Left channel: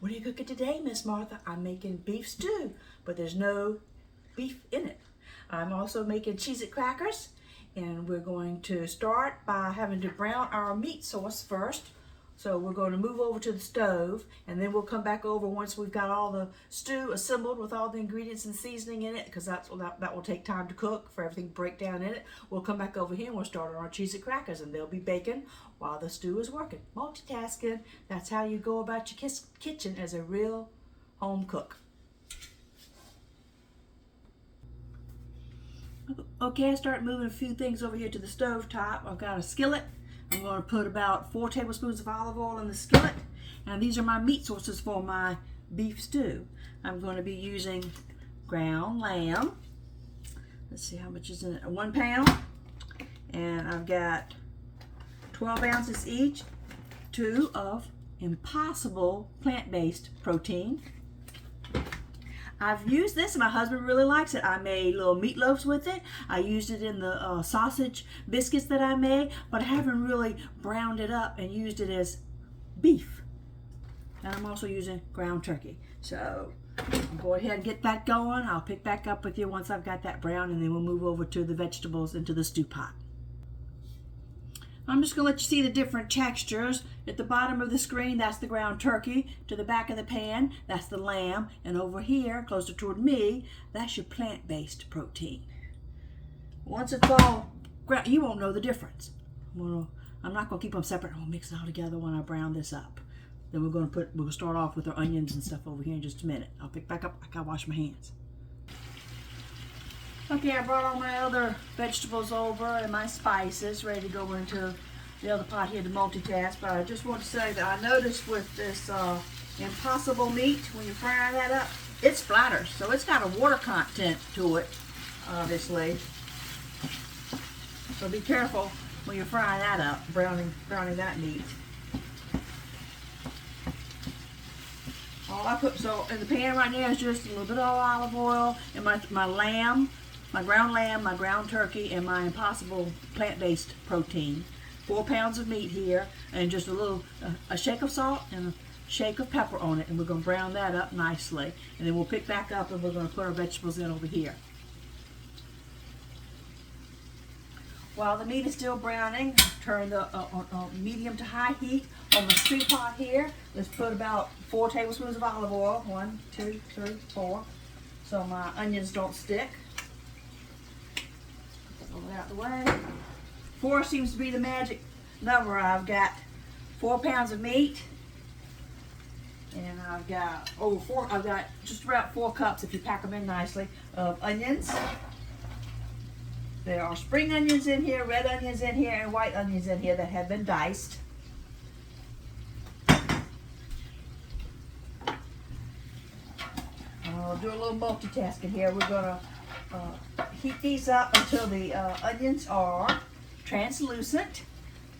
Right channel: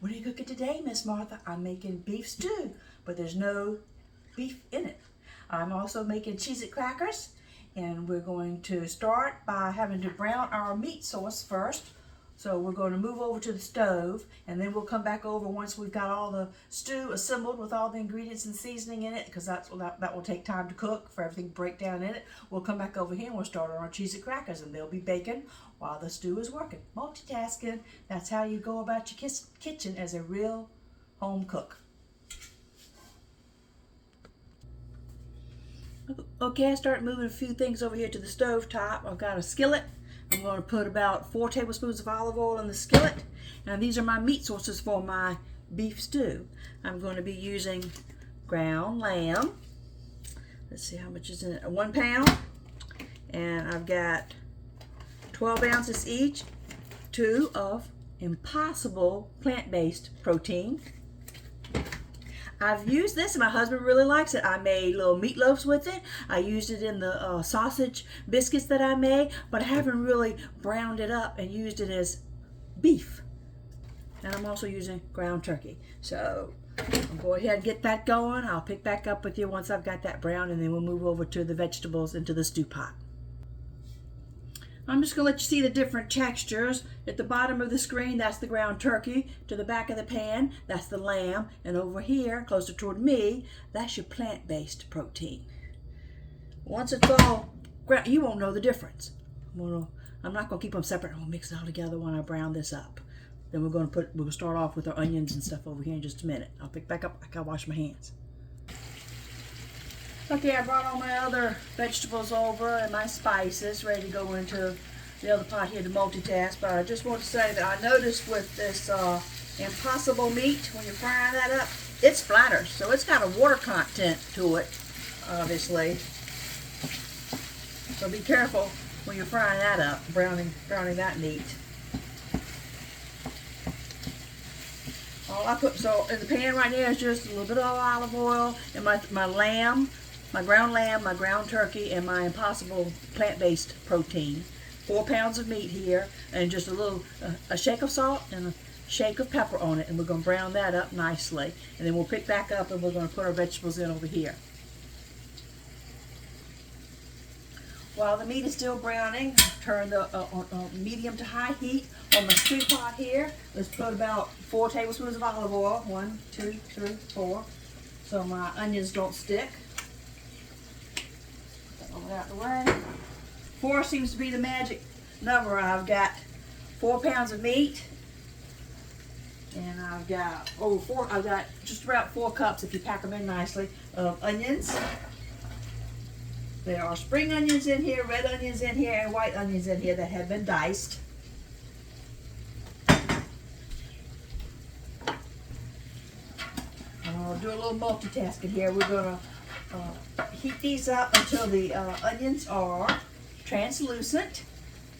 "What are you cooking today, Miss Martha?" "I'm making beef stew, but there's no beef in it." I'm also making Cheez Crackers, and we're going to start by having to brown our meat sauce first. So we're going to move over to the stove, and then we'll come back over once we've got all the stew assembled with all the ingredients and seasoning in it, because that will take time to cook for everything to break down in it. We'll come back over here and we'll start on our Cheez Crackers, and they'll be baking while the stew is working. Multitasking. That's how you go about your kitchen as a real home cook. Okay, I start moving a few things over here to the stove top. I've got a skillet. I'm going to put about 4 tablespoons of olive oil in the skillet. And these are my meat sources for my beef stew. I'm going to be using ground lamb. Let's see how much is in it. 1 pound. And I've got 12 ounces each, 2 of Impossible plant-based protein. I've used this, and my husband really likes it. I made little meatloaves with it. I used it in the sausage biscuits that I made, but I haven't really browned it up and used it as beef. And I'm also using ground turkey. So I'll go ahead and get that going. I'll pick back up with you once I've got that brown, and then we'll move over to the vegetables into the stew pot. I'm just going to let you see the different textures. At the bottom of the screen, that's the ground turkey. To the back of the pan, that's the lamb. And over here, closer toward me, that's your plant-based protein. Once it's all ground, you won't know the difference. I'm not going to keep them separate. I'm going to mix it all together when I brown this up. Then we'll start off with our onions and stuff over here in just a minute. I'll pick back up. I gotta wash my hands. Okay, I brought all my other vegetables over and my spices ready to go into the other pot here to multitask. But I just want to say that I noticed with this Impossible meat, when you're frying that up, it splatters. So it's got a water content to it, obviously. So be careful when you're frying that up, browning that meat. All I put in the pan right now is just a little bit of olive oil and my lamb. My ground lamb, my ground turkey, and my Impossible plant-based protein. 4 pounds of meat here, and just a shake of salt and a shake of pepper on it, and we're going to brown that up nicely. And then we'll pick back up and we're going to put our vegetables in over here. While the meat is still browning, turn the medium to high heat on the stew pot here. Let's put about 4 tablespoons of olive oil. 1, 2, 3, 4. So my onions don't stick. Put that out the way. 4 seems to be the magic number. I've got 4 pounds of meat, and I've got I've got just about 4 cups, if you pack them in nicely, of onions. There are spring onions in here, red onions in here, and white onions in here that have been diced. I'll do a little multitasking here. We're going to heat these up until the onions are translucent,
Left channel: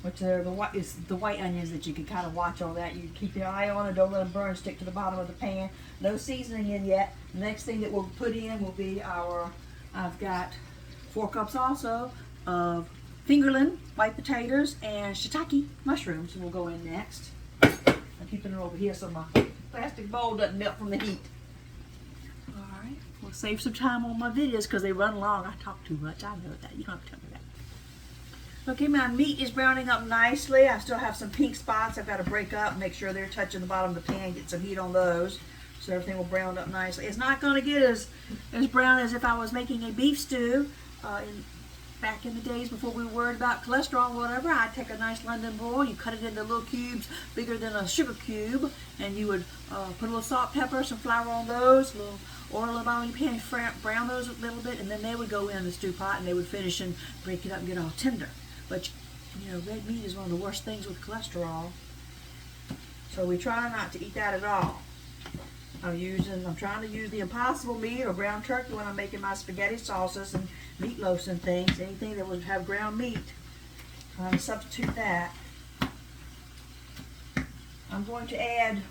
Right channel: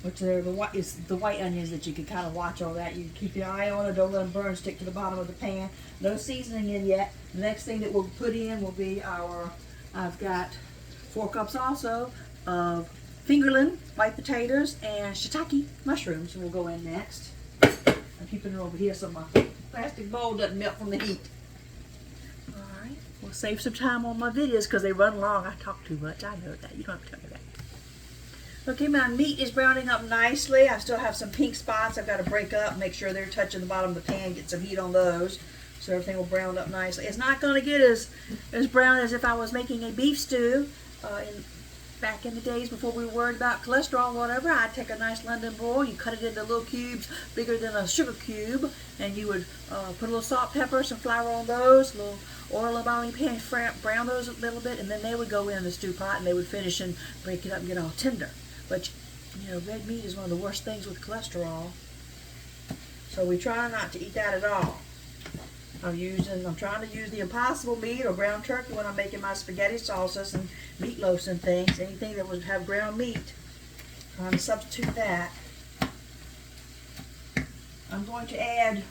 which are the white onions that you can kind of watch on that. You keep your eye on it, don't let them burn, stick to the bottom of the pan. No seasoning in yet. The next thing that we'll put in will be I've got 4 cups also of fingerling, white potatoes, and shiitake mushrooms, and we'll go in next. I'm keeping it over here so my plastic bowl doesn't melt from the heat. Alright, we'll save some time on my videos because they run long. I talk too much, I know that. You don't have to tell me that. Okay, my meat is browning up nicely. I still have some pink spots I've got to break up, make sure they're touching the bottom of the pan, get some heat on those. So everything will brown up nicely. It's not going to get as brown as if I was making a beef stew. Back in the days before we were worried about cholesterol or whatever, I'd take a nice London broil, you cut it into little cubes bigger than a sugar cube, and you would put a little salt, pepper, some flour on those, a little oil in the bottom of your pan, brown those a little bit, and then they would go in the stew pot and they would finish and break it up and get all tender. But you know, red meat is one of the worst things with cholesterol, so we try not to eat that at all. I'm trying to use the Impossible meat or ground turkey when I'm making my spaghetti sauces and meatloafs and things. Anything that would have ground meat, trying to substitute that. I'm going to add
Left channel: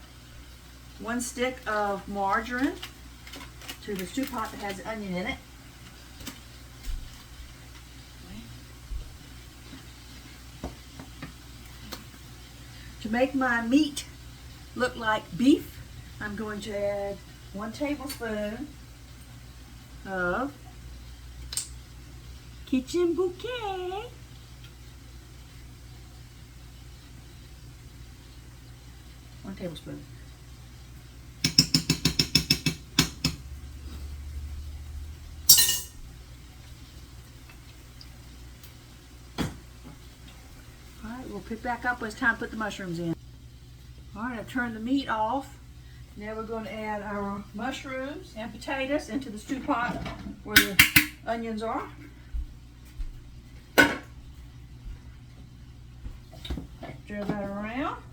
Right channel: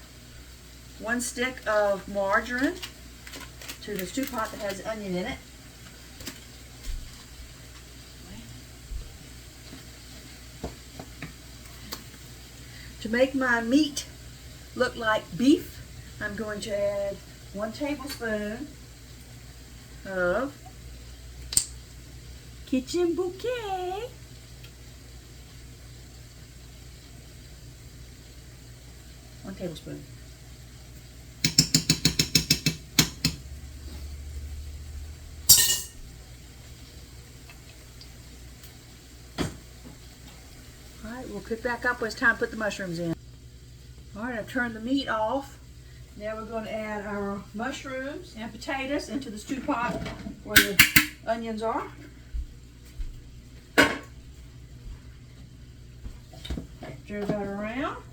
1 stick of margarine to the stew pot that has onion in it. To make my meat look like beef, I'm going to add 1 tablespoon of kitchen bouquet. One tablespoon. All right, we'll pick back up when it's time to put the mushrooms in. All right, I've turned the meat off. Now we're going to add our mushrooms and potatoes into the stew pot where the onions are. Stir that around.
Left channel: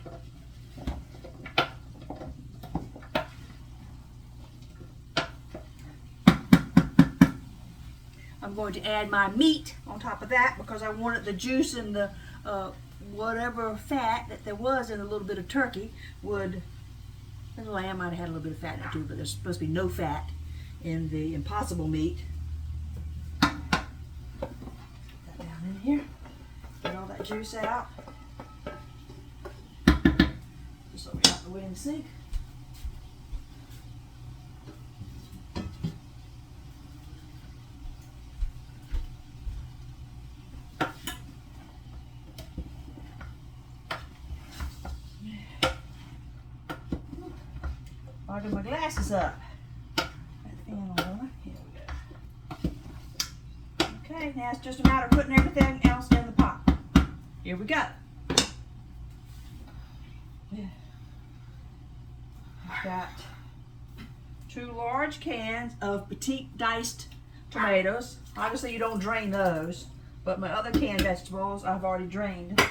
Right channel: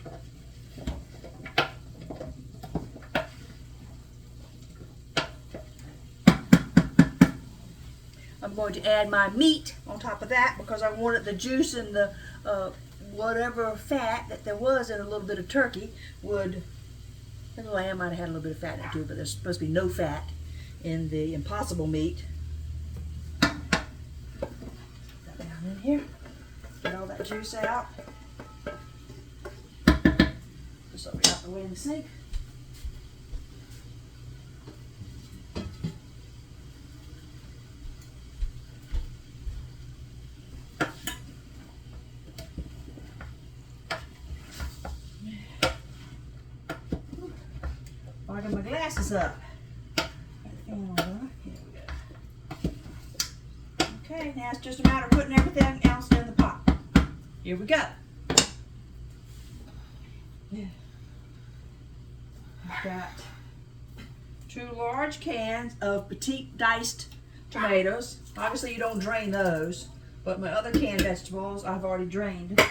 I'm going to add my meat on top of that because I wanted the juice and the whatever fat that there was in a little bit of turkey would, and the lamb might have had a little bit of fat in it too, but there's supposed to be no fat in the impossible meat. Put that down in here. Get all that juice out. Just so we got the way in the sink. I'll get my glasses up. Here we go. Okay, now it's just a matter of putting everything else in the pot. Here we go. I've got 2 large cans of petite diced tomatoes. Obviously you don't drain those, but my other canned vegetables I've already drained.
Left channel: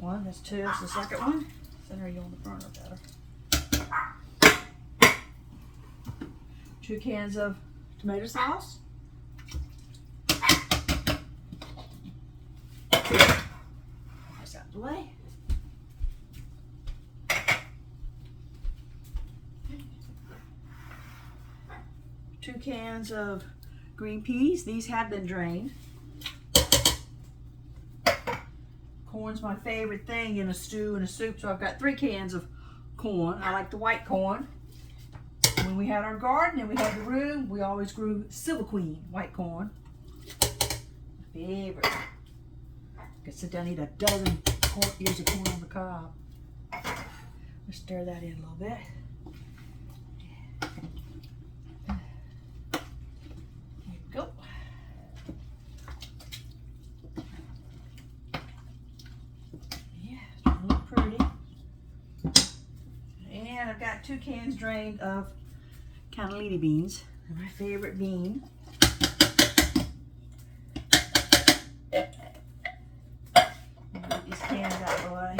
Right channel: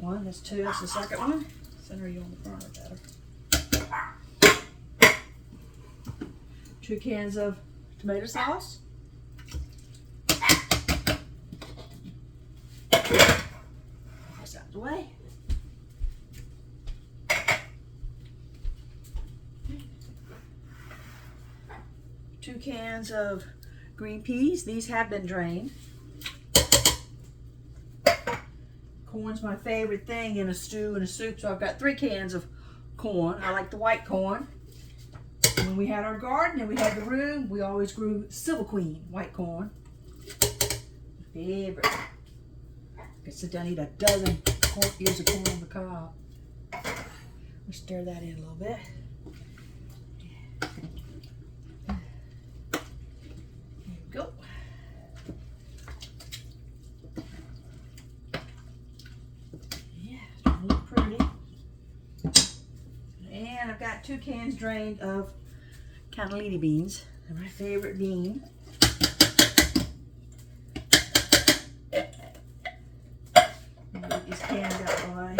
1, that's 2, that's the second one. Center you on the burner better. 2 cans of tomato sauce. That's out of the way. 2 cans of green peas. These have been drained. Corn's my favorite thing in a stew and a soup, so I've got 3 cans of corn. I like the white corn. When we had our garden and we had the room, we always grew Silver Queen white corn. Favorite. I could sit down and eat a dozen ears of corn on the cob. Let's stir that in a little bit. There we go. Yeah, it's gonna look pretty. And I've got 2 cans drained of cannellini beans. They're my favorite bean. Get these cans out of the way.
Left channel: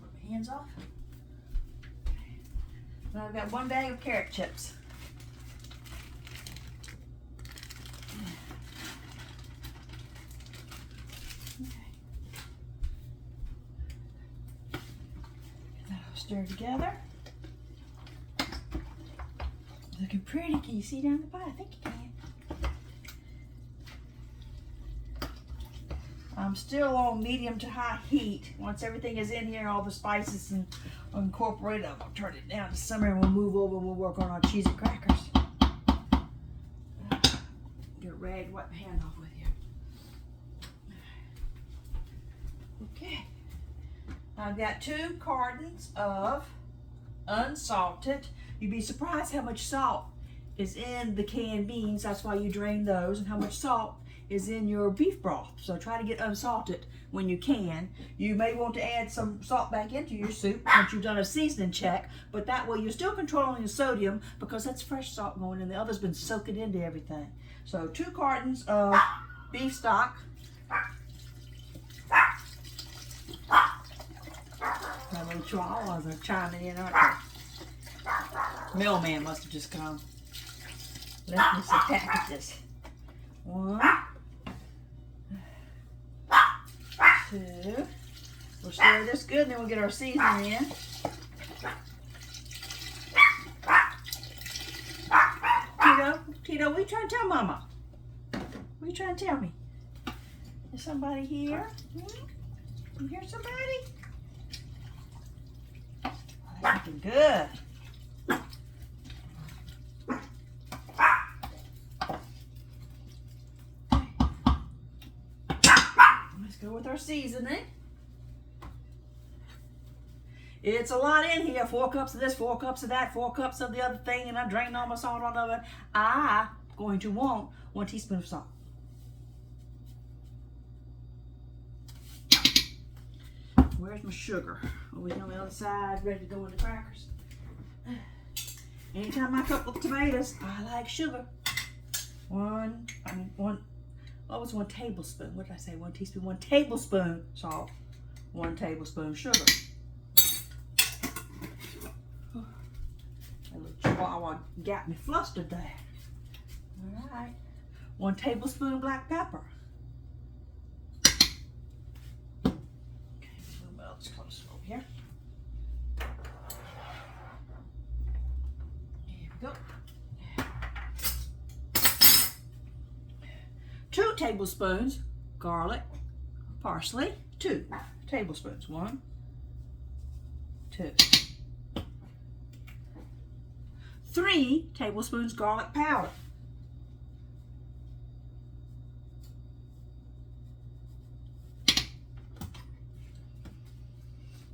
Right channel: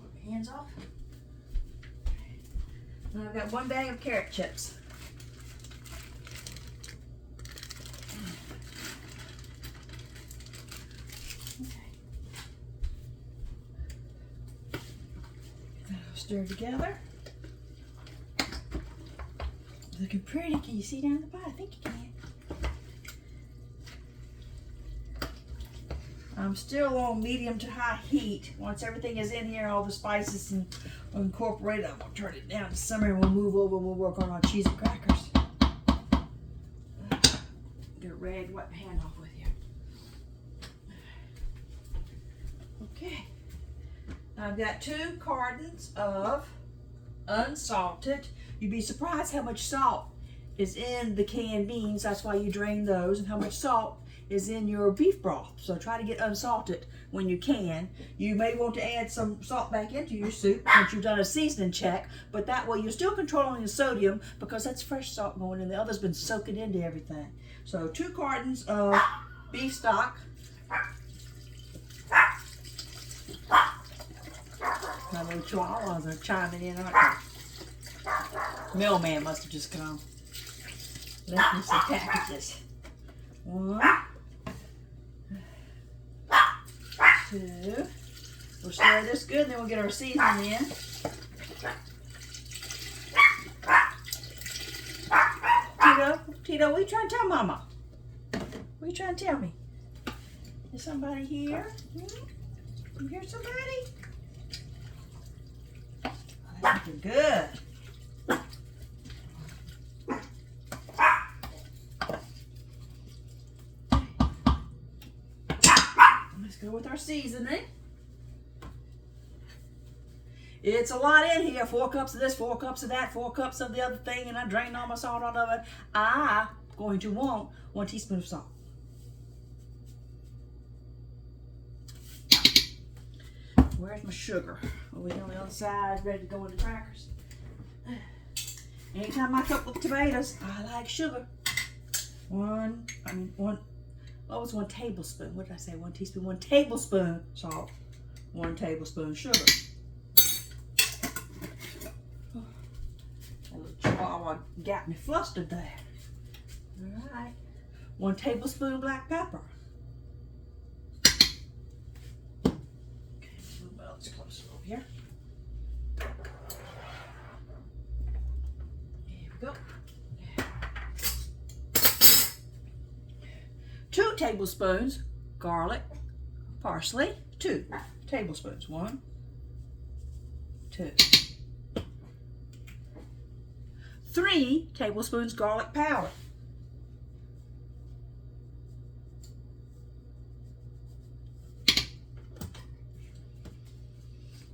Put my hands off. Now I've got 1 bag of carrot chips. Stir together. Looking pretty. Can you see down the pot? I think you can. I'm still on medium to high heat. Once everything is in here, all the spices and incorporated, I'm going to turn it down to simmer and we'll move over and we'll work on our Cheez Crackers. Get a rag, wipe my hand off with you. Okay. I've got 2 cartons of unsalted. You'd be surprised how much salt is in the canned beans. That's why you drain those, and how much salt is in your beef broth. So try to get unsalted when you can. You may want to add some salt back into your soup once you've done a seasoning check, but that way you're still controlling the sodium because that's fresh salt going in. The other's been soaking into everything. So 2 cartons of beef stock. My little chihuahuas are chiming in, aren't they? Mailman must have just come. Left me some packages. 1, 2. We'll stir this good, then we'll get our seasoning in. Tito, what are you trying to tell Mama? What are you trying to tell me? Is somebody here? You hear somebody? I think you're good. Let's go with our seasoning. It's a lot in here. 4 cups of this, 4 cups of that, 4 cups of the other thing, and I drained all my salt out of it. I'm going to want 1 teaspoon of salt. Where's my sugar? Over here on the other side, ready to go in the crackers. Anytime I cook with tomatoes, I like sugar. One tablespoon. What did I say? 1 teaspoon, 1 tablespoon salt, 1 tablespoon sugar. A little chihuahua got me flustered there. All right. 1 tablespoon black pepper. Here. There we go. 2 tablespoons garlic, parsley. 2 tablespoons. 1, 2. 3 tablespoons garlic powder.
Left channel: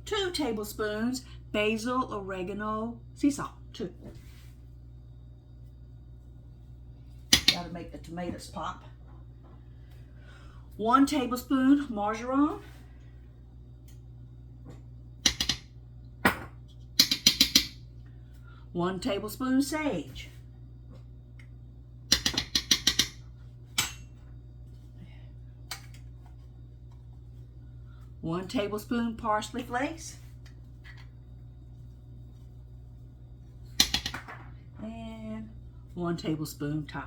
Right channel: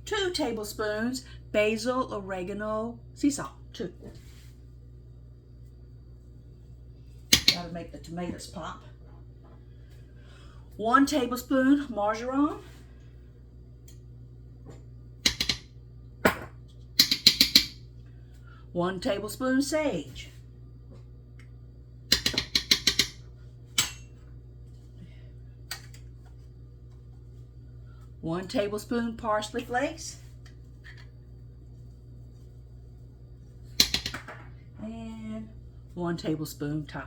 2 tablespoons basil, oregano, sea salt. 2. Gotta make the tomatoes pop. 1 tablespoon margarine. 1 tablespoon sage. 1 tablespoon parsley flakes. And 1 tablespoon thyme.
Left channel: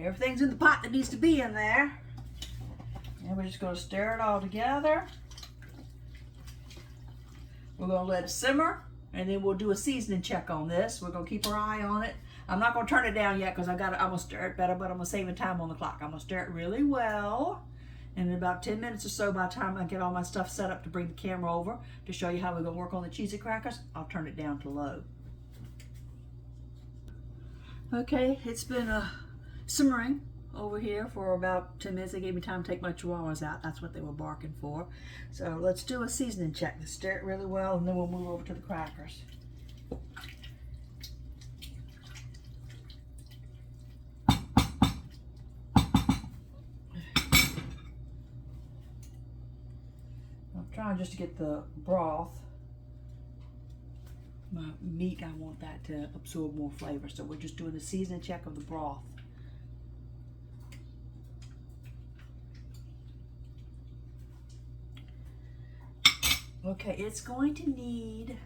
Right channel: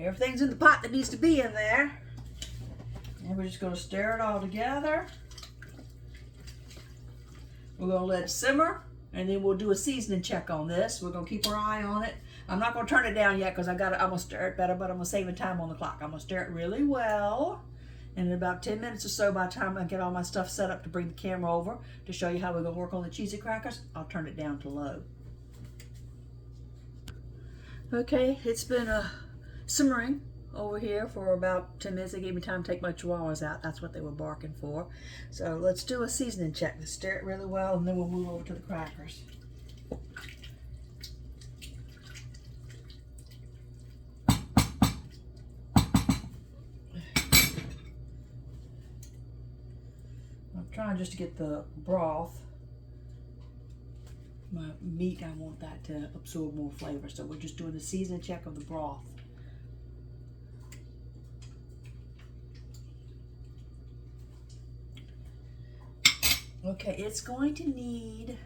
Everything's in the pot that needs to be in there. And we're just going to stir it all together. We're going to let it simmer, and then we'll do a seasoning check on this. We're going to keep our eye on it. I'm not going to turn it down yet because I'm going to stir it better, but I'm going to save time on the clock. I'm going to stir it really well. And in about 10 minutes or so, by the time I get all my stuff set up to bring the camera over to show you how we're going to work on the Cheez Crackers, I'll turn it down to low. Okay, it's been simmering over here for about 10 minutes. They gave me time to take my chihuahuas out. That's what they were barking for. So let's do a seasoning check. Let's stir it really well, and then we'll move over to the crackers. I'm trying just to get the broth. My meat, I want that to absorb more flavor, so we're just doing a seasoning check of the broth. Okay, it's going to need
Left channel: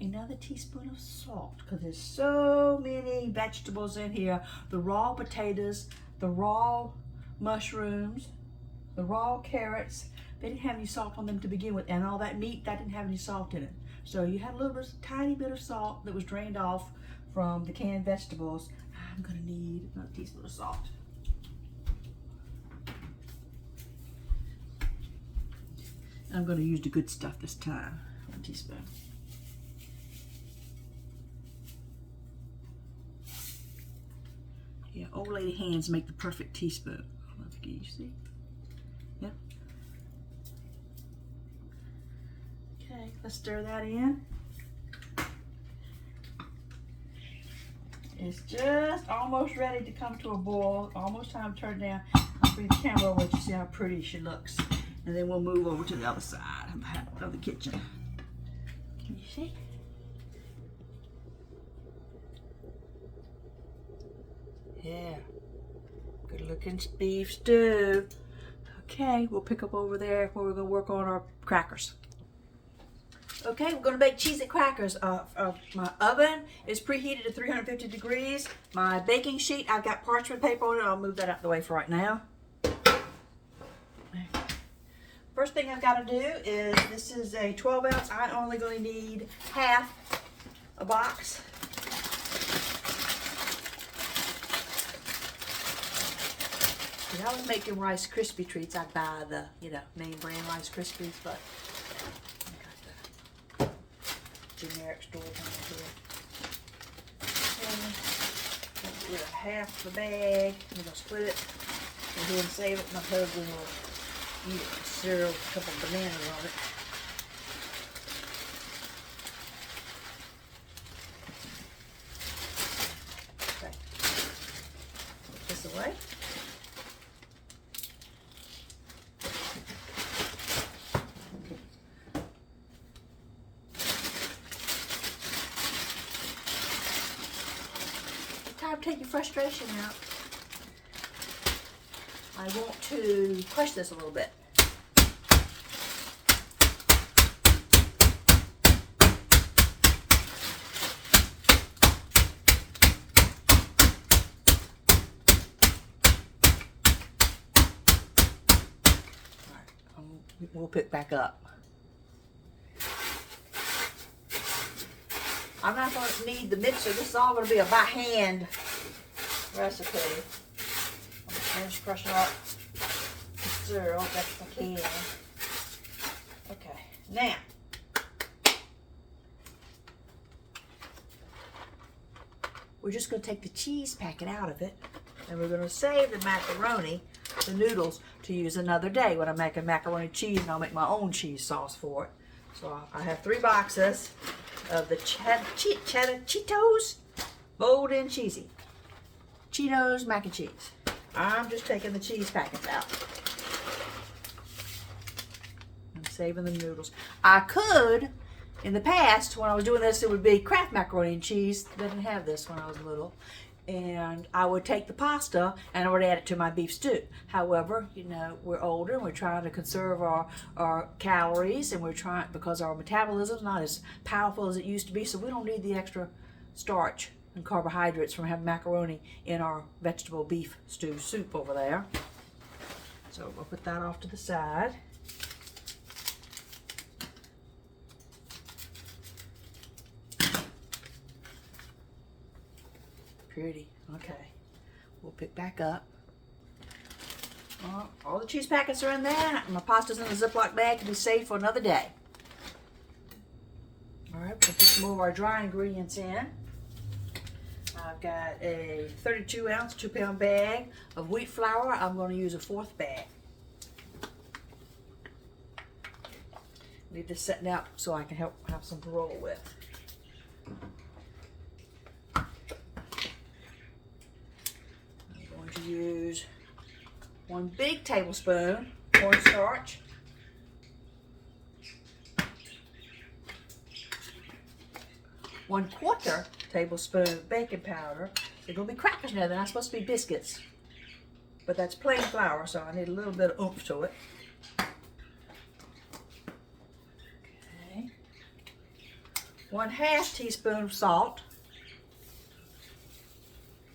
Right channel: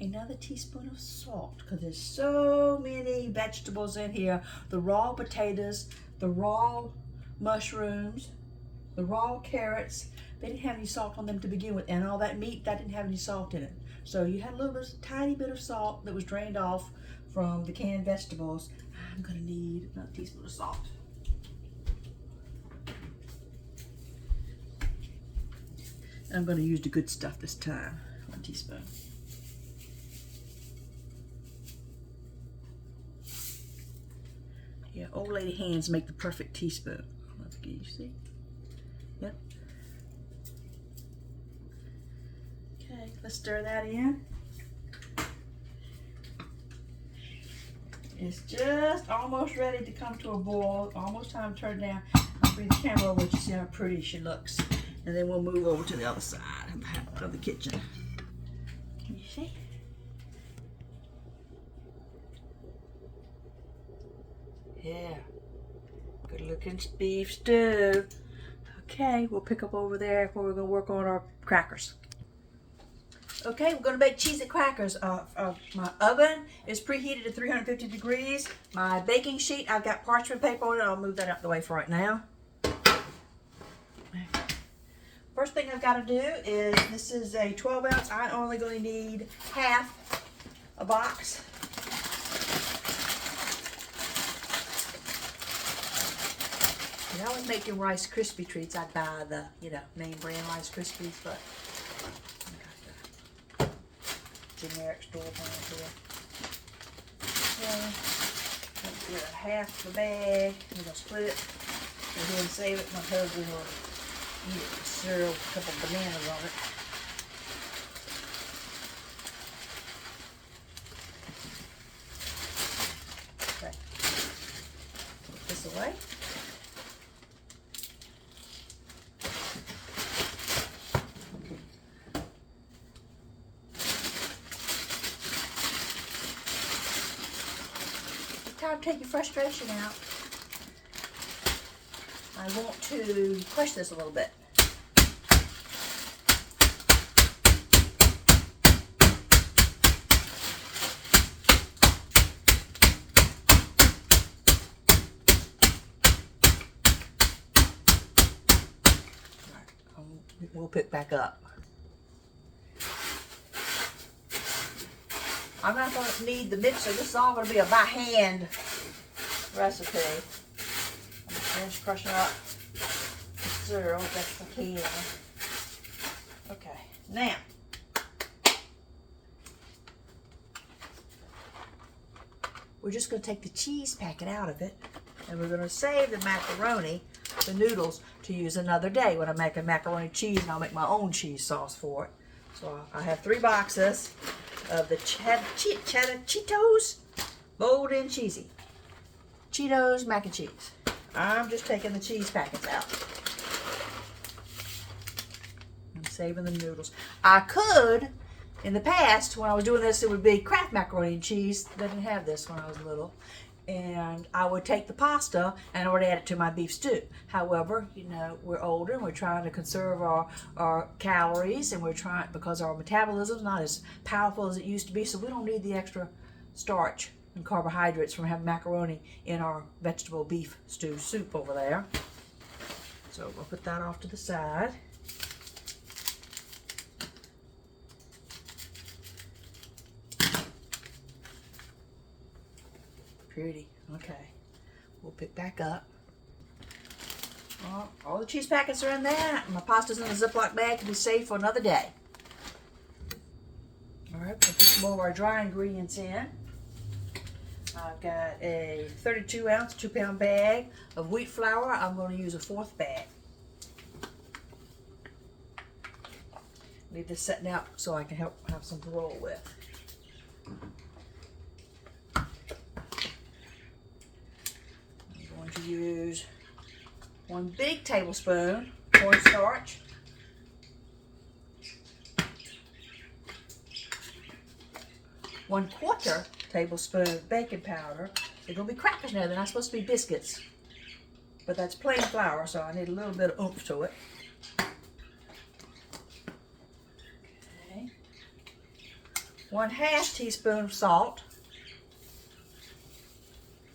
another teaspoon of salt because there's so many vegetables in here. The raw potatoes, the raw mushrooms, the raw carrots, they didn't have any salt on them to begin with, and all that meat, that didn't have any salt in it. So you had a little bit, tiny bit of salt that was drained off from the canned vegetables. I'm gonna need another teaspoon of salt. I'm going to use the good stuff this time. 1 teaspoon. Yeah, old lady hands make the perfect teaspoon. Can you see? Yep. Okay, let's stir that in. It's just almost ready to come to a boil. Almost time to turn it down. I'll bring the camera over to see how pretty she looks. And then we'll move over to the other side of the kitchen. Can you see? Yeah. Good looking beef stew. Okay, we'll pick up over there where we're going to work on our crackers. Okay, we're going to make Cheez Crackers. My oven is preheated to 350 degrees. My baking sheet, I've got parchment paper on it. I'll move that out the way for right now. First thing I've got to do is, this is a 12 ounce. I'm only going to need half a box. I would make them Rice Krispie treats. I'd buy the, you know, name brand Rice Krispies, but I got the generic store brand here. Split it half the bag. We're gonna split it and then save it. My husband will eat it with cereal, a couple of bananas on it. Okay. Put this away. Time to take your frustration out. I want to crush this a little bit. We'll pick back up. I'm not going to need the mixer. This is all going to be a by hand recipe. I'm just crushing up the cereal best I can. Okay, now we're just going to take the cheese packet out of it, and we're going to save the macaroni, the noodles, to use another day when I make a macaroni cheese, and I'll make my own cheese sauce for it. So I have 3 boxes of the Cheetos, bold and cheesy. Cheetos mac and cheese. I'm just taking the cheese packets out. I'm saving the noodles. I could, in the past, when I was doing this, it would be Kraft macaroni and cheese. Didn't have this when I was little. And I would take the pasta and I would add it to my beef stew. However, you know, we're older and we're trying to conserve our calories, and we're trying, because our metabolism is not as powerful as it used to be, so we don't need the extra starch and carbohydrates from having macaroni in our vegetable beef stew soup over there. So we'll put that off to the side. Pretty. Okay. We'll pick back up. All the cheese packets are in there. My pasta's in the Ziploc bag to be safe for another day. All right, we'll put some more of our dry ingredients in. I've got a 32-ounce, 2-pound bag of wheat flour. I'm going to use a 4th bag. Leave this setting out so I can have some to roll with. To use 1 big tablespoon cornstarch, 1/4 tablespoon baking powder. They're going to be crackers now. They're not supposed to be biscuits, but that's plain flour, so I need a little bit of oomph to it. Okay. 1/2 teaspoon of salt.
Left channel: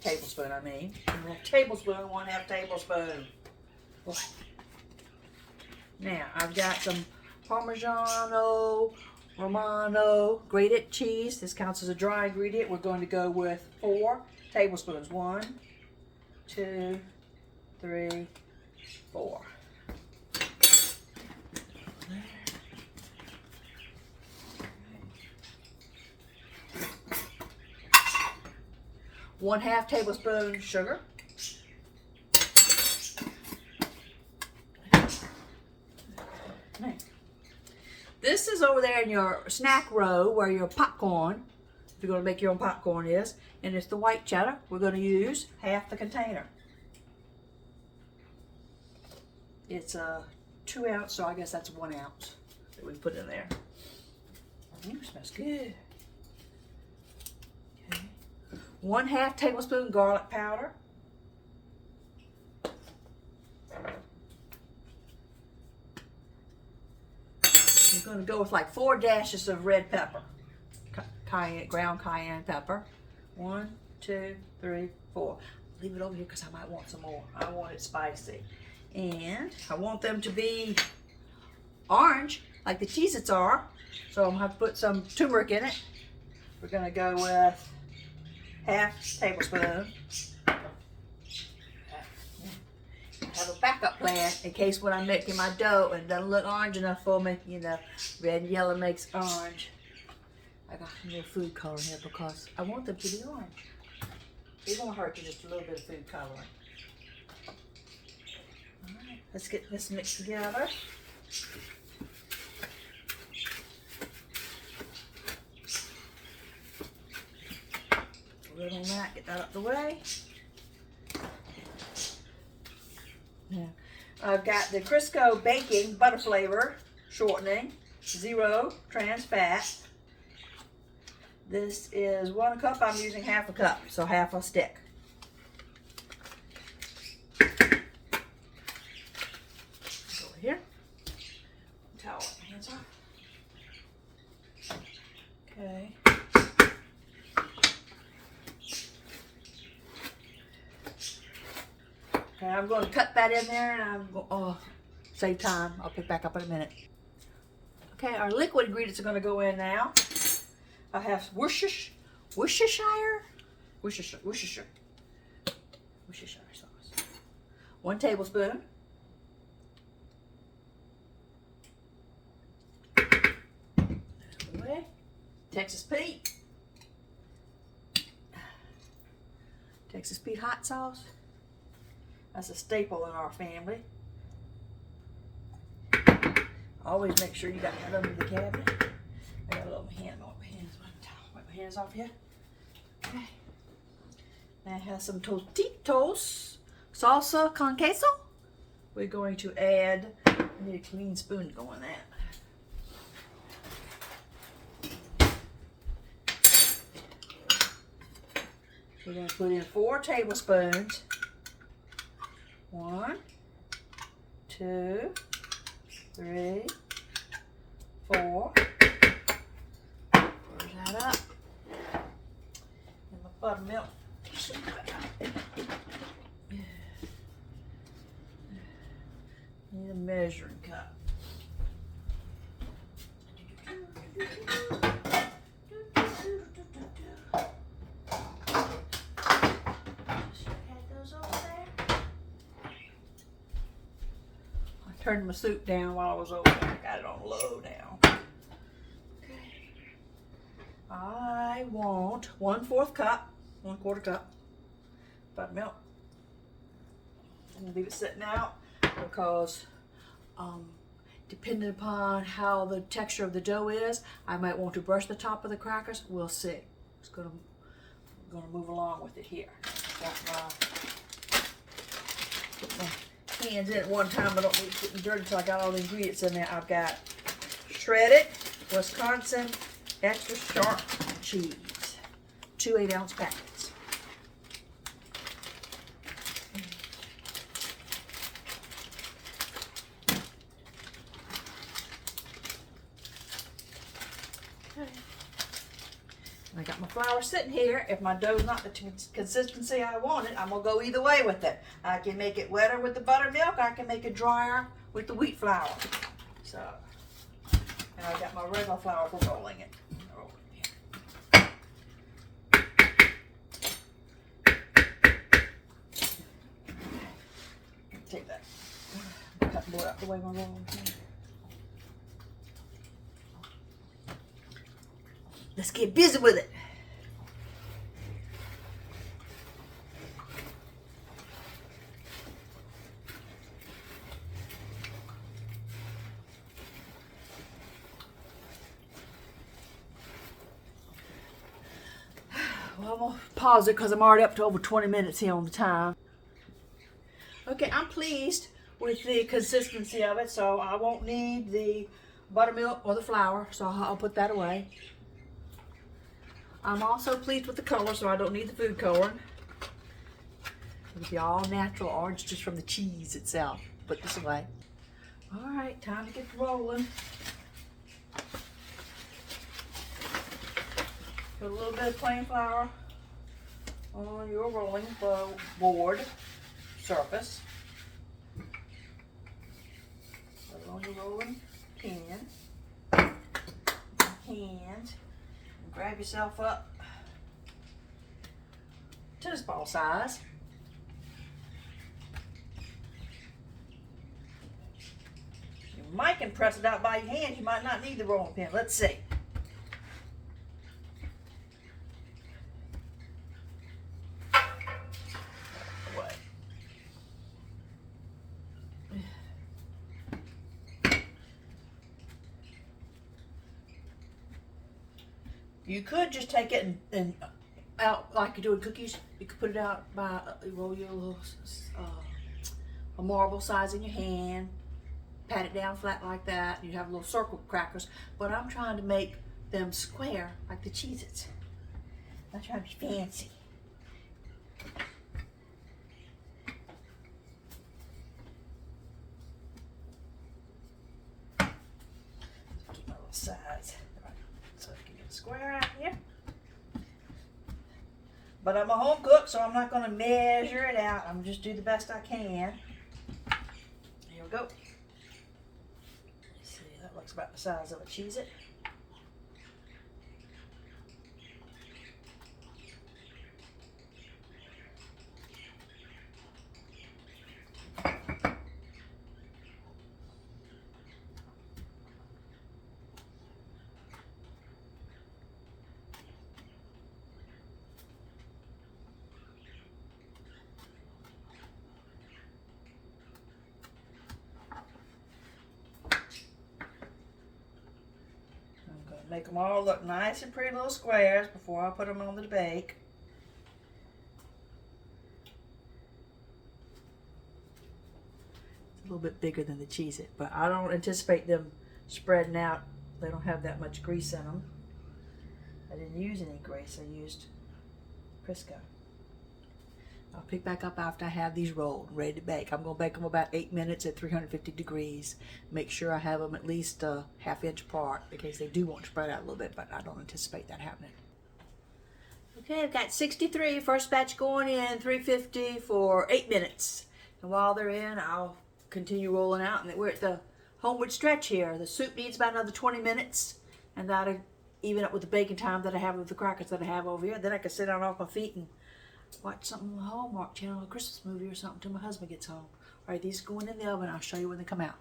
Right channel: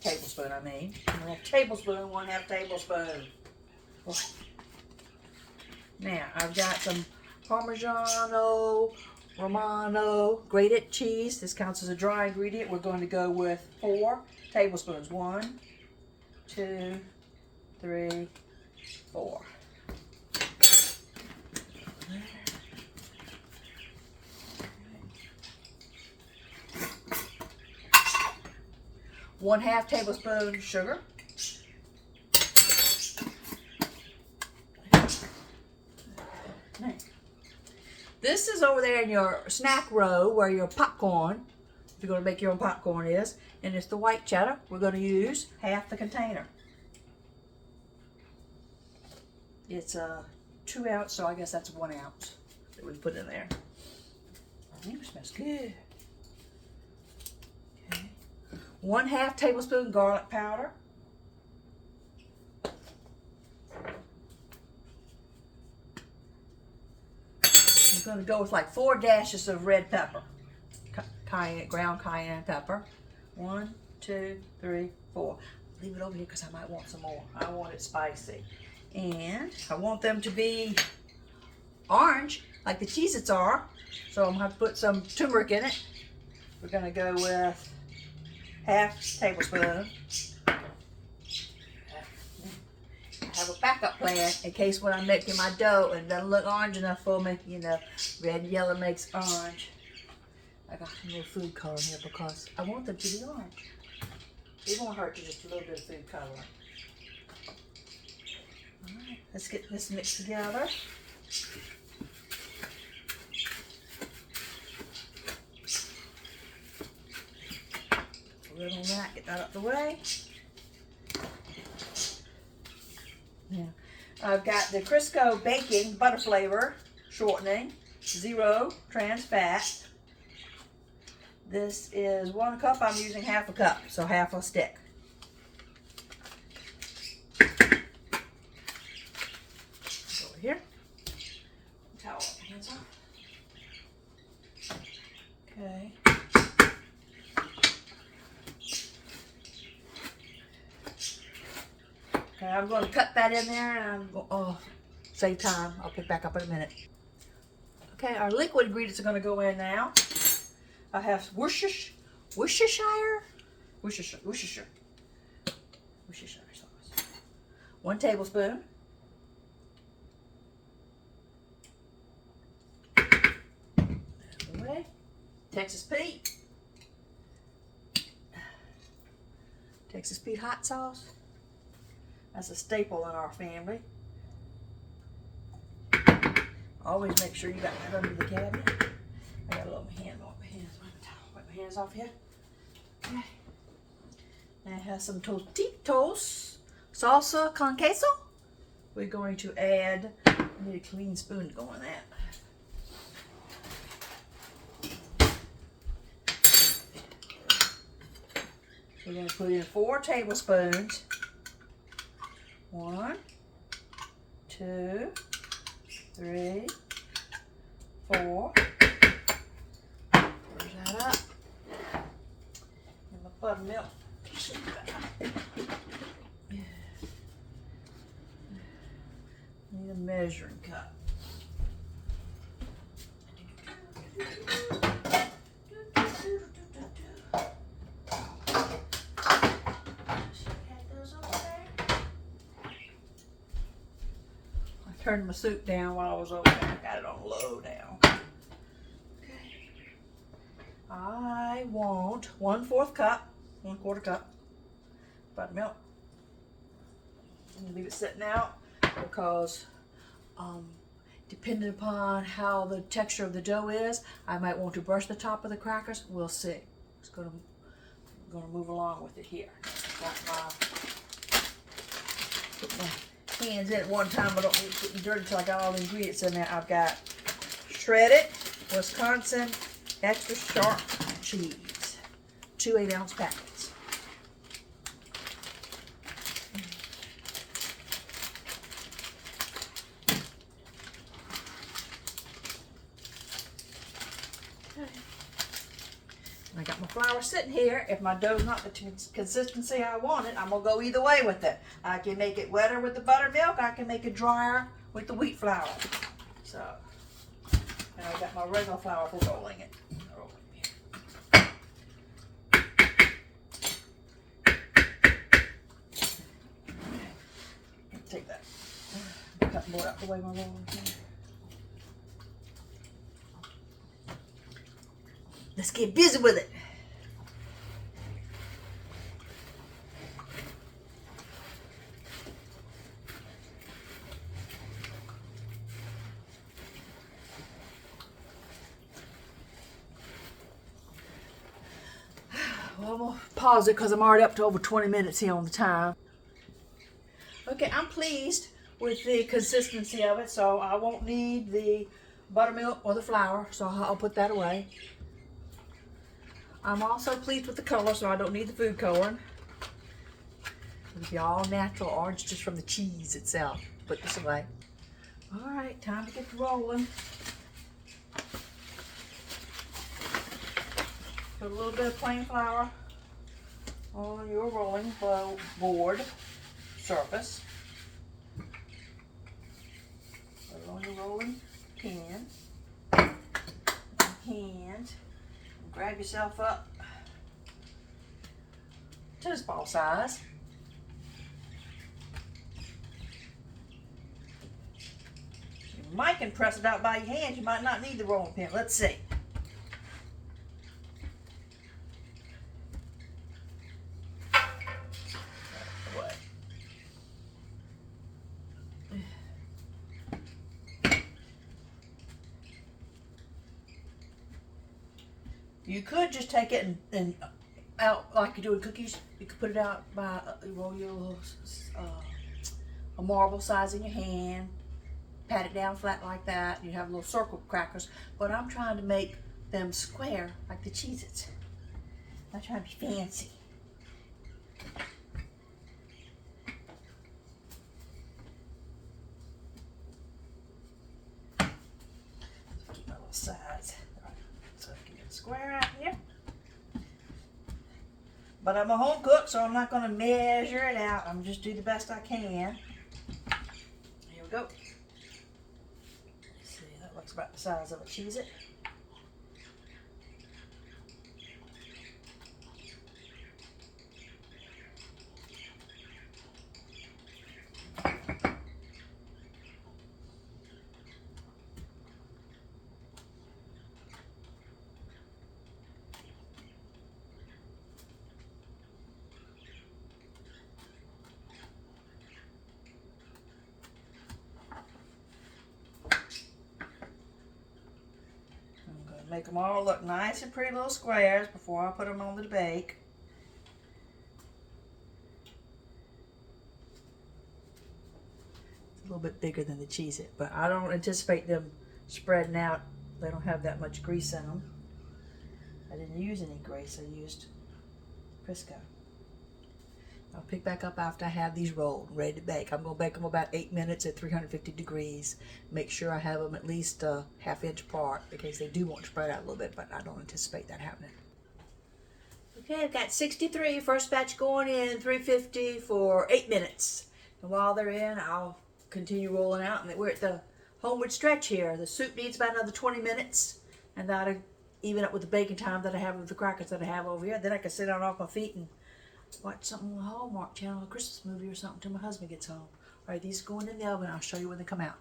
Tablespoon, I mean. 1/2 tablespoon, 1/2 tablespoon. Boy. Now, I've got some Parmigiano Romano grated cheese. This counts as a dry ingredient. We're going to go with 4 tablespoons. 1, 2, 3, 4. 1/2 tablespoon sugar. This is over there in your snack row where your popcorn, if you're going to make your own popcorn, is. And it's the white cheddar. We're going to use half the container. It's a 2 ounce, so I guess that's 1 ounce that we put in there. It smells good. Okay. 1/2 tablespoon garlic powder. I'm going to go with like 4 dashes of red pepper, cayenne, ground cayenne pepper. 1, 2, 3, 4. Leave it over here because I might want some more. I want it spicy. And I want them to be orange, like the Cheez-Its are. So I'm going to have to put some turmeric in it. We're going to go with 1/2 tablespoon. backup plan in case when I'm making my dough and it doesn't look orange enough for me, you know, red and yellow makes orange. I got some more food color here because I want them to be orange. It won't hurt to just a little bit of food coloring. All right, let's get this mixed together. Good on that, get that out the way. Yeah, I've got the Crisco baking butter flavor shortening, 0 trans fat. This is 1 cup. I'm using half a cup, so half a stick. Go over here. Towel, hands off. Okay. Okay, I'm going to cut that in there, and I'm going. Oh, save time. I'll pick back up in a minute. Okay, our liquid ingredients are going to go in now. I have Worcestershire sauce. 1 tablespoon. Away. Texas Pete. Texas Pete hot sauce. That's a staple in our family. Always make sure you got that under the cabinet. I got a little hand on my hands. Wipe my hands off here. Okay. And I have some Tostitos salsa con queso. We're going to add, I need a clean spoon to go in that. We're going to put in 4 tablespoons. 1, 2, 3, 4. Where's that up? And the buttermilk. Need a measuring cup. Turned my soup down while I was over there. I got it on low now. Okay. I want 1/4 cup, 1/4 cup buttermilk. I'm gonna leave it sitting out because depending upon how the texture of the dough is, I might want to brush the top of the crackers. We'll see. It's gonna move along with it here. Put my hands in at one time. I don't need to put the dirt until I got all the ingredients in there. I've got shredded Wisconsin extra sharp cheese, 2 8-ounce packets. Okay. I got my flour sitting here. If my dough's not the consistency I want it, I'm gonna go either way with it. I can make it wetter with the buttermilk. I can make it drier with the wheat flour. So, and I got my regular flour for rolling it. Take that. Cut more out the way my rolling here. Let's get busy with it. Well, I'm going to pause it because I'm already up to over 20 minutes here on the time. Okay, I'm pleased with the consistency of it, so I won't need the buttermilk or the flour, so I'll put that away. I'm also pleased with the color, so I don't need the food coloring. It'll be all natural orange just from the cheese itself. Put this away. All right, time to get rolling. Put a little bit of plain flour on your rolling board surface. Put it on your rolling pin. Hand. Grab yourself up tennis ball size. You might can press it out by your hand. You might not need the rolling pin. Let's see. You could just take it and out like you do with cookies. You could put it out by roll your little a marble size in your hand, pat it down flat like that. You have little circle crackers, but I'm trying to make them square like the Cheez-Its. I'm trying to be fancy. Keep my little size. So I can get a square out here. But I'm a home cook, so I'm not going to measure it out. I'm just do the best I can. Here we go. See, that looks about the size of a Cheez-It. Make them all look nice and pretty little squares before I put them on the bake. It's a little bit bigger than the Cheez-It, but I don't anticipate them spreading out. They don't have that much grease in them. I didn't use any grease. I used Crisco. I'll pick back up after I have these rolled, ready to bake. I'm going to bake them about 8 minutes at 350 degrees. Make sure I have them at least a ½ inch apart because they do want to spread out a little bit, but I don't anticipate that happening. Okay, I've got 63, first batch going in, 350 for 8 minutes. And while they're in, I'll continue rolling out. And we're at the homeward stretch here. The soup needs about another 20 minutes, and that'll even up with the baking time that I have with the crackers that I have over here. Then I can sit down off my feet and watch something on the Hallmark Channel, a Christmas movie or something till my husband gets home. All right, these are going in the oven. I'll show you when they come out.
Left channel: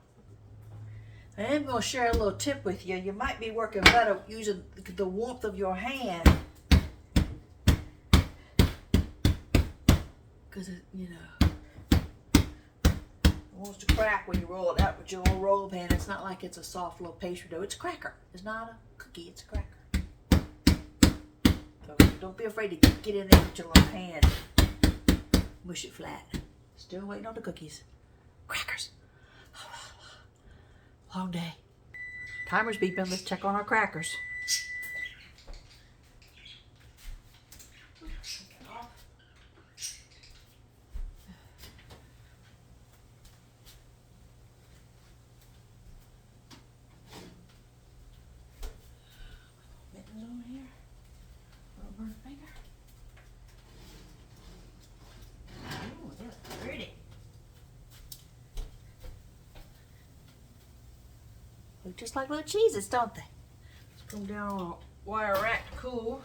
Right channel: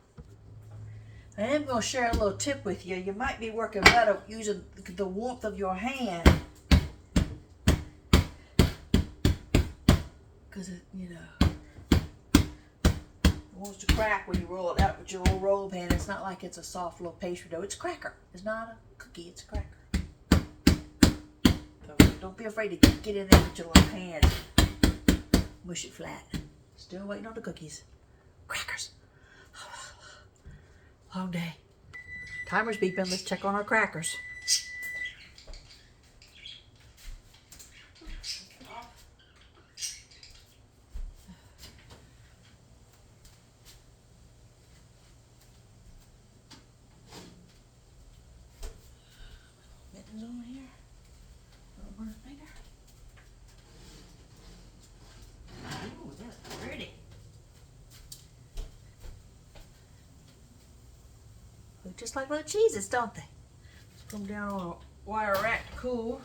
I am going to share a little tip with you. You might be working better using the warmth of your hand. Because, you know, it wants to crack when you roll it out with your little roll pan. It's not like it's a soft little pastry dough. It's a cracker. It's not a cookie. It's a cracker. Don't be afraid to get in there with your little hand. Mush it flat. Still waiting on the cookies. Crackers. Long day. Timer's beeping. Let's check on our crackers. Mittens on here. Burn a finger. Ooh, they look pretty. Look just like little Cheez-Its, don't they? Just put them down on a wire rack to cool.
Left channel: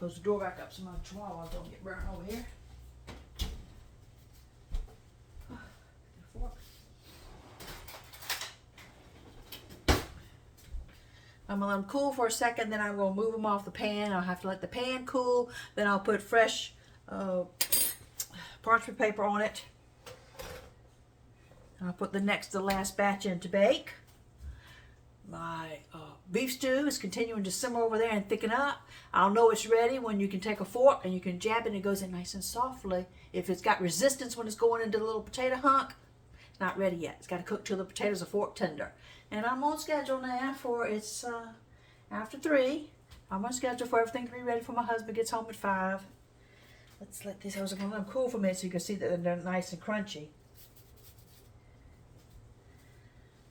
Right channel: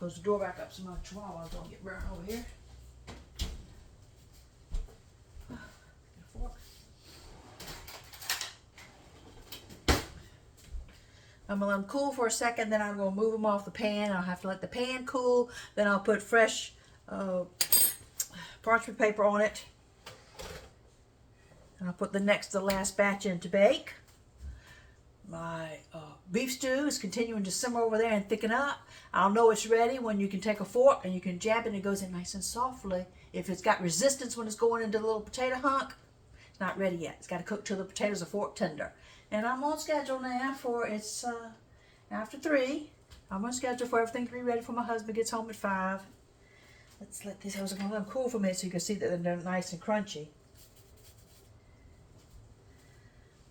Close the door back up so my chihuahuas don't get burnt over here. I'm going to let them cool for a second, then I'm going to move them off the pan. I'll have to let the pan cool, then I'll put fresh parchment paper on it. And I'll put the next to last batch in to bake. My beef stew is continuing to simmer over there and thicken up. I'll know it's ready when you can take a fork and you can jab it and it goes in nice and softly. If it's got resistance when it's going into the little potato hunk, it's not ready yet. It's got to cook till the potatoes are fork tender. And I'm on schedule now for it's after 3. I'm on schedule for everything to be ready for my husband gets home at 5. Let's let these, I was going to let them cool for a minute so you can see that they're nice and crunchy.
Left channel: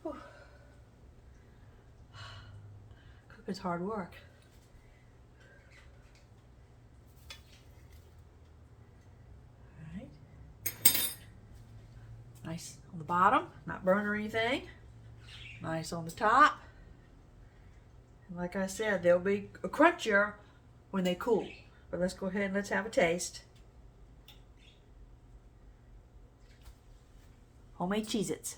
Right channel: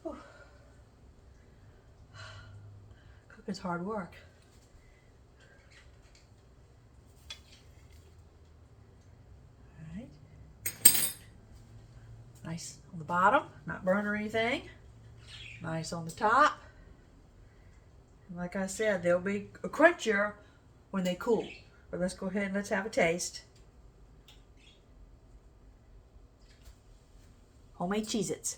Whew. Cooking's hard work. All right. Nice on the bottom, not burn or anything. Nice on the top. And like I said, they'll be crunchier when they cool. But let's go ahead and let's have a taste. Homemade Cheez-Its.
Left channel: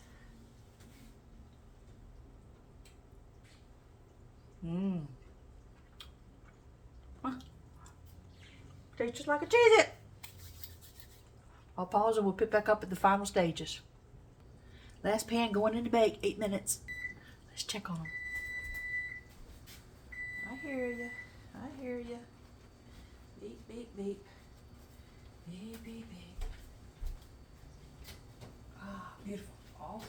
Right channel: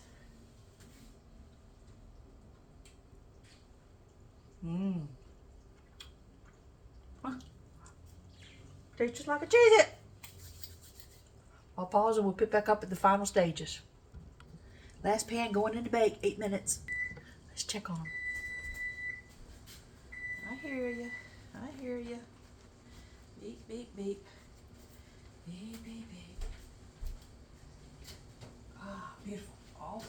Tastes just like a Cheez-It. I'll pause and we'll pick back up at the final stages. Last pan going in to bake, 8 minutes. Let's check on them. I hear you. I hear you. Beep, beep, beep. Beep, beep, beep. Ah, beautiful. Off.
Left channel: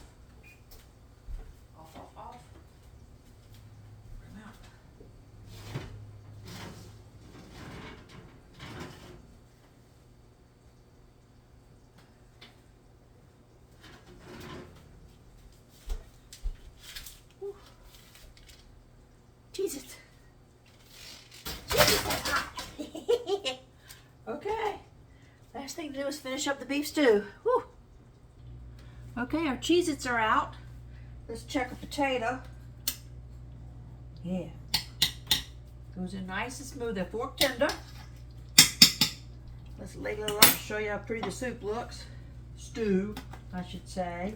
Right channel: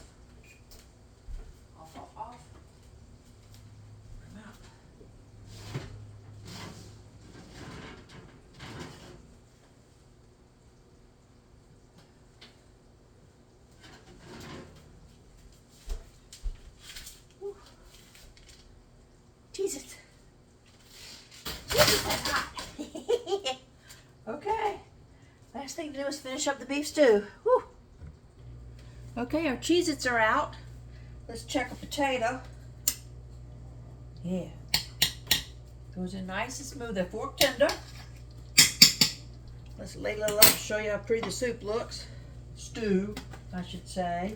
Off, off, off. Bring them out. Jesus. That's hot. Okay. Last thing to do is finish up the beef stew. Whew. Okay, our Cheez-Its are out. Let's check a potato. Yeah. Goes in nice and smooth. They're fork tender. Let's ladle it up and show you how pretty the soup looks. Stew, I should say.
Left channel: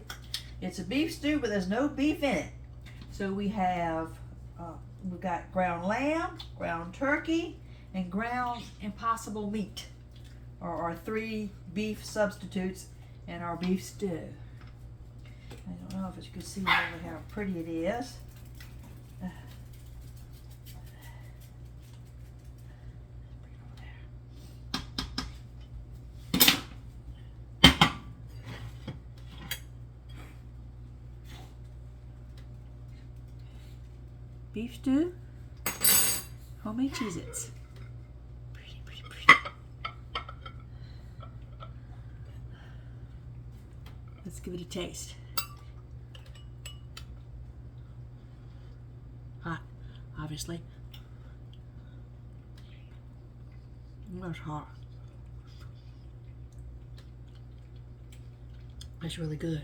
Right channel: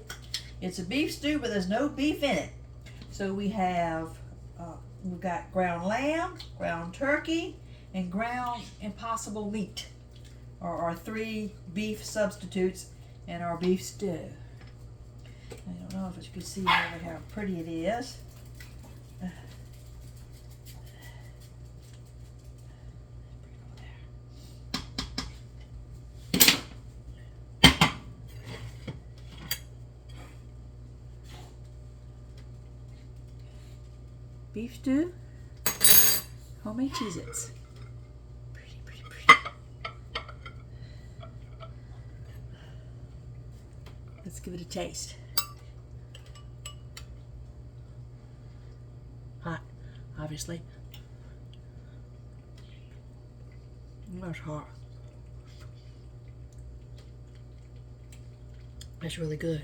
It's a beef stew, but there's no beef in it. So we've got ground lamb, ground turkey, and ground impossible meat. Are our 3 beef substitutes in our beef stew. I don't know if you can see really how pretty it is. Beef stew, homemade Cheez-Its. Pretty, pretty, pretty. Let's give it a taste. Hot, obviously. That's hot. That's really good.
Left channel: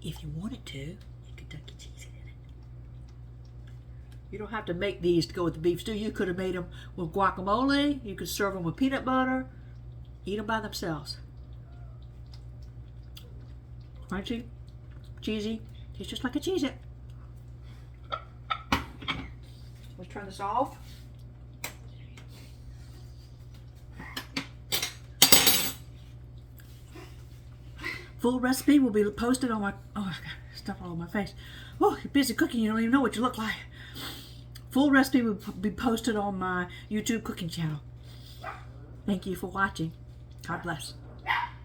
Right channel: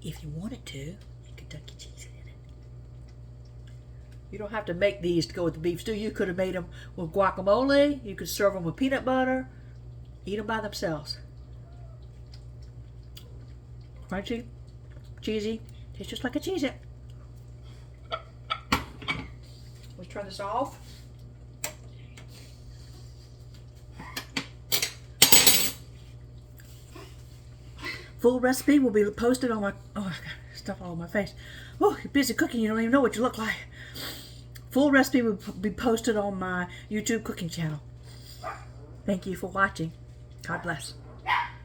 If you wanted to, Kentucky cheese in it. You don't have to make these to go with the beef stew. You could have made them with guacamole. You could serve them with peanut butter. Eat them by themselves. Crunchy, cheesy. Tastes just like a Cheez-It. Let's turn this off. Full recipe will be posted on my... Oh, I've got stuff all over my face. Oh, you're busy cooking. You don't even know what you look like. Full recipe will be posted on my YouTube cooking channel. Thank you for watching. God bless.